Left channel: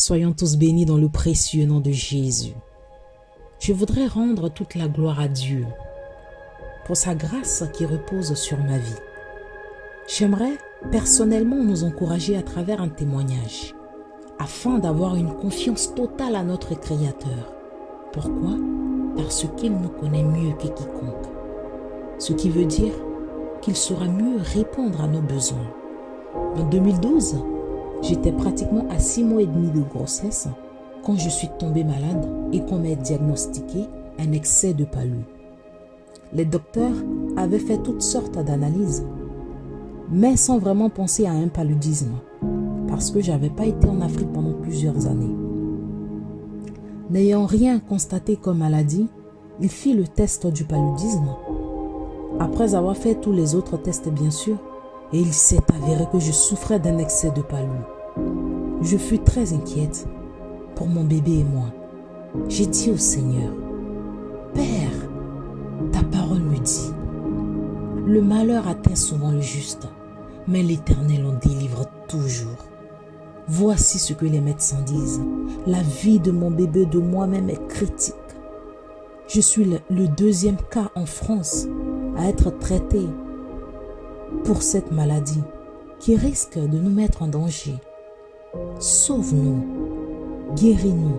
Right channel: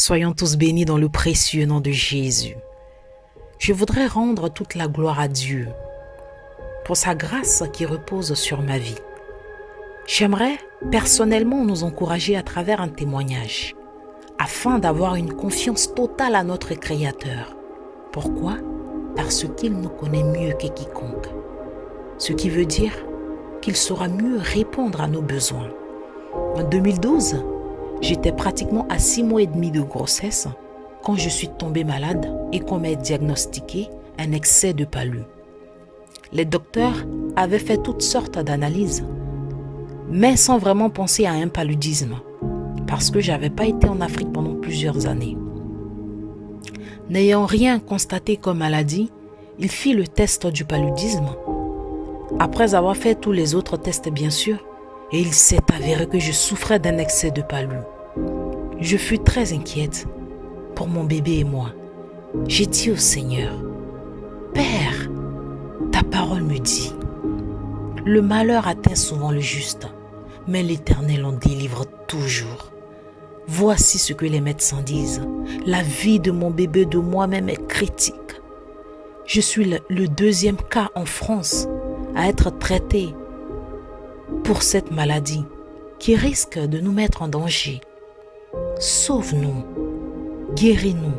Soyons tous bénis dans le précieux nom de Jésus. Je voudrais rendre toute la gloire à Dieu pour sa grâce qui repose sur ma vie. J'aimerais personnellement nous encourager à travers un témoignage afin d'avoir une confiance totale à notre Créateur. Pourquoi? Parce qu'il nous connaît mieux que quiconque. Ce qui veut dire qu'il saura mieux répondre à nos besoins. En 2012, j'étais pratiquement à 6 mois et demi de grossesse quand je suis tombée malade et qu'on m'a diagnostiqué un excès de palu. Les docteurs avaient fait toutes sortes d'analyses, mais sans vraiment penser à un paludisme, parce que je n'avais pas été en Afrique pendant plusieurs années. N'ayant rien constaté comme maladie, il fit le test du paludisme. Après avoir fait tous les autres tests bien sûr, et il s'est avéré que je souffrais d'un excès de palu. Je fus très inquiète pour mon bébé et moi. J'ai dit au Seigneur, « Père, ta parole me dit, le malheur atteint souvent le juste, mais l'Éternel en délivre toujours. Voici ce que les médecins disent. La vie de mon bébé de moi-même est critique. Je suis le deuxième cas en France à être traité pour cette maladie qui risque de nous mettre en danger. Sauve-nous, guéris-nous. »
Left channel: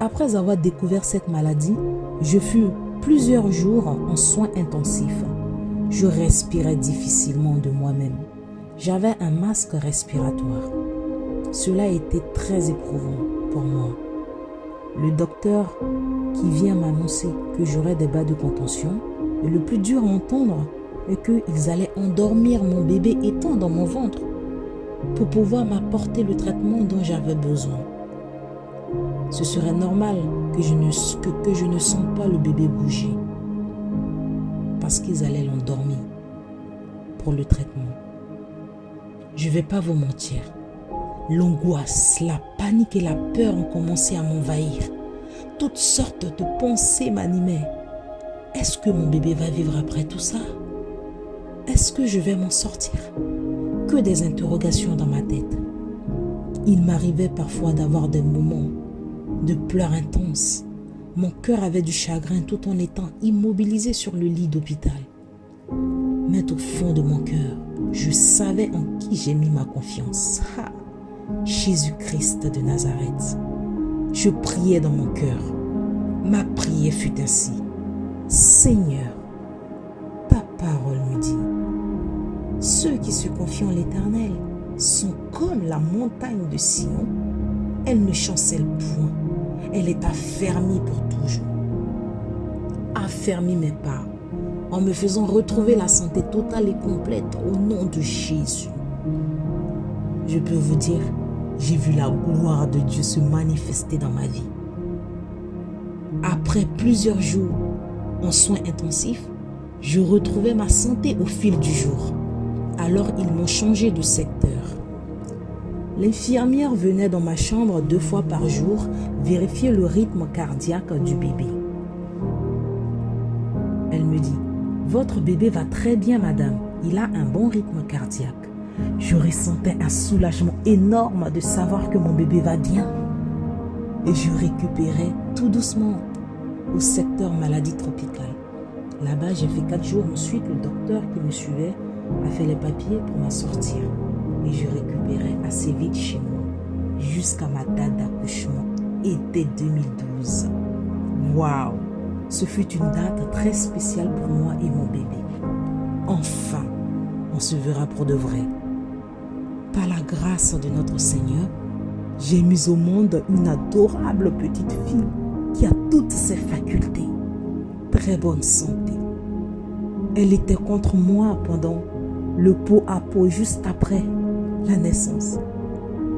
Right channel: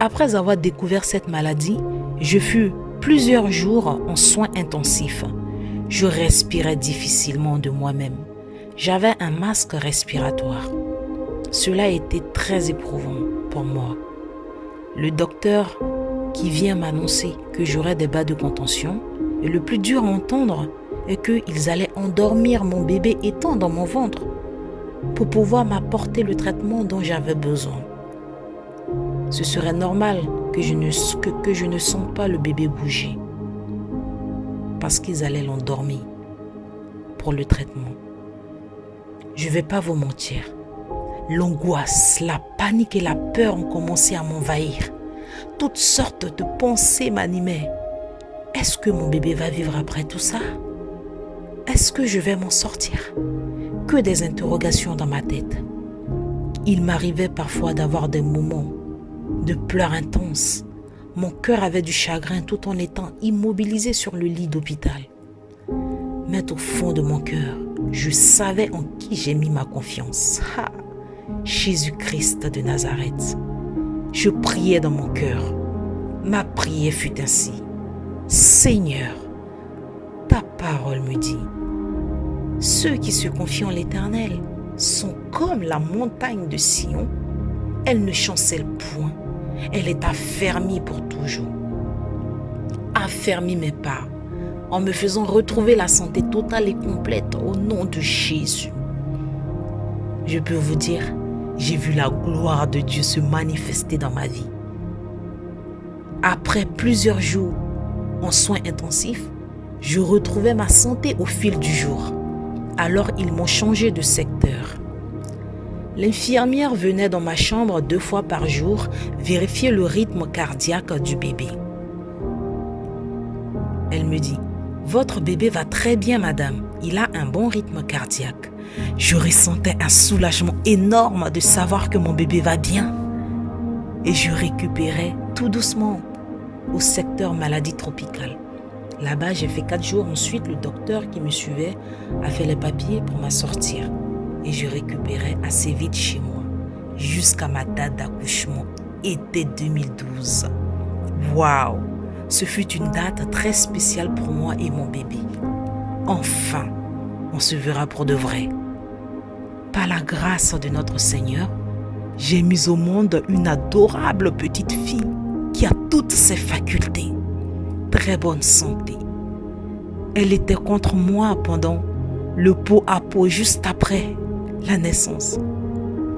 Après avoir découvert cette maladie, je fus plusieurs jours en soins intensifs. Je respirais difficilement de moi-même. J'avais un masque respiratoire. Cela était très éprouvant pour moi. Le docteur qui vient m'annoncer que j'aurais des bas de contention, et le plus dur à entendre est qu'ils allaient endormir mon bébé étant dans mon ventre pour pouvoir m'apporter le traitement dont j'avais besoin. Ce serait normal que je ne sente pas le bébé bouger parce qu'ils allaient l'endormir pour le traitement. Je ne vais pas vous mentir. L'angoisse, la panique et la peur ont commencé à m'envahir. Toutes sortes de pensées m'animaient. Est-ce que mon bébé va vivre après tout ça? Est-ce que je vais m'en sortir? Que des interrogations dans ma tête. Il m'arrivait parfois d'avoir des moments de pleurs intenses. Mon cœur avait du chagrin tout en étant immobilisé sur le lit d'hôpital. Mais au fond de mon cœur, je savais en qui j'ai mis ma confiance. Jésus-Christ de Nazareth. Je priais dans mon cœur. Ma prière fut ainsi. Seigneur, ta parole me dit, ceux qui se confient en l'Éternel sont comme la montagne de Sion. Elle ne chancelle point. Elle est affermie pour toujours. Affermis mes pas en me faisant retrouver la santé totale et complète au nom de Jésus. Je peux vous dire, j'ai vu la gloire de Dieu se manifester dans ma vie. Après plusieurs jours en soins intensifs, je retrouvais ma santé au fil du jour. Alors ils m'ont changé de secteur. L'infirmière venait dans ma chambre 2 fois par jour vérifier le rythme cardiaque du bébé. Elle me dit, « Votre bébé va très bien, madame. Il a un bon rythme cardiaque. » Je ressentais un soulagement énorme de savoir que mon bébé va bien. Et je récupérais tout doucement au secteur maladie tropicale. Là-bas, j'ai fait 4 jours. Ensuite, le docteur qui me suivait a fait les papiers pour m'assortir. Et je récupérais assez vite chez moi, jusqu'à ma date d'accouchement, été 2012. Waouh! Ce fut une date très spéciale pour moi et mon bébé. Enfin, on se verra pour de vrai. Par la grâce de notre Seigneur, j'ai mis au monde une adorable petite fille qui a toutes ses facultés, très bonne santé. Elle était contre moi pendant le pot à pot juste après la naissance.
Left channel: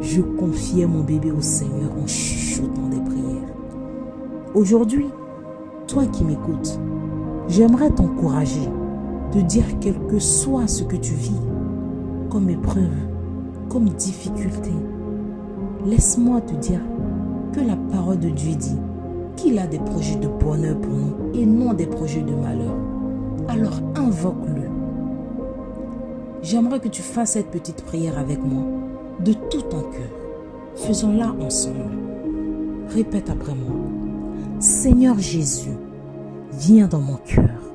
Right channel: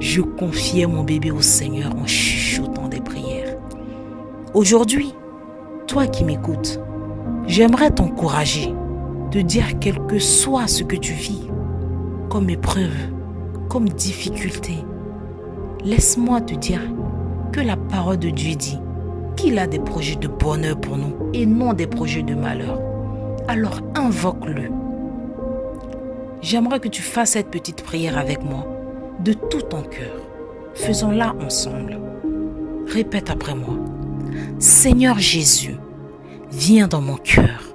Je confiais mon bébé au Seigneur en chuchotant des prières. Aujourd'hui, toi qui m'écoutes, j'aimerais t'encourager de dire quel que soit ce que tu vis, comme épreuve, comme difficulté, laisse-moi te dire que la parole de Dieu dit qu'il a des projets de bonheur pour nous et non des projets de malheur. Alors invoque-le. J'aimerais que tu fasses cette petite prière avec moi de tout ton cœur. Faisons-la ensemble. Répète après moi. Seigneur Jésus, viens dans mon cœur.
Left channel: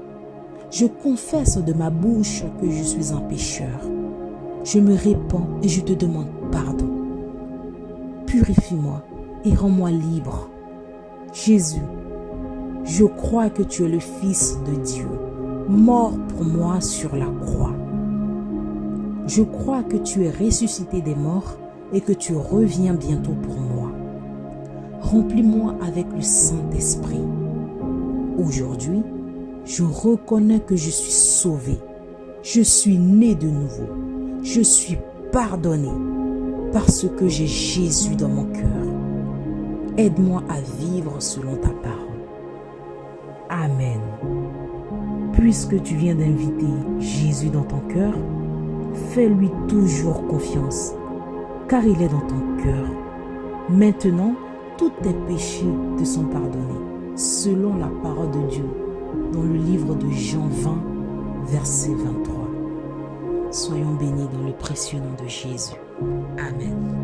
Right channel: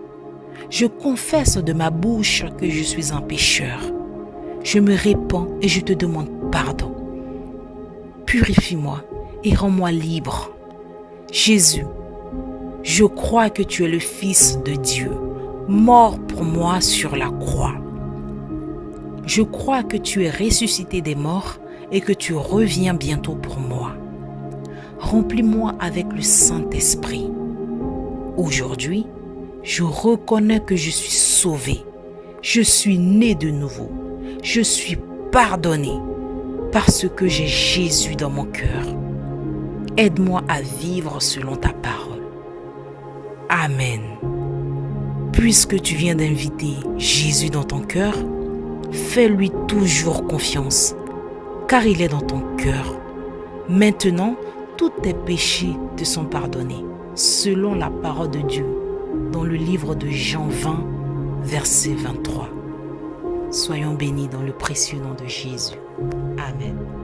Je confesse de ma bouche que je suis un pécheur. Je me répands et je te demande pardon. Purifie-moi et rends-moi libre. Jésus, je crois que tu es le Fils de Dieu, mort pour moi sur la croix. Je crois que tu es ressuscité des morts et que tu reviens bientôt pour moi. Remplis-moi avec le Saint-Esprit. Aujourd'hui, je reconnais que je suis sauvé. Je suis né de nouveau. Je suis pardonné parce que j'ai Jésus dans mon cœur. Aide-moi à vivre selon ta parole. Amen. Puisque tu viens d'inviter Jésus dans ton cœur, fais-lui toujours confiance, car il est dans ton cœur. Maintenant, tous tes péchés te sont pardonnés, selon la parole de Dieu, dans le livre de Jean 20, verset 23. Soyons bénis dans le précieux nom de Jésus. Amen.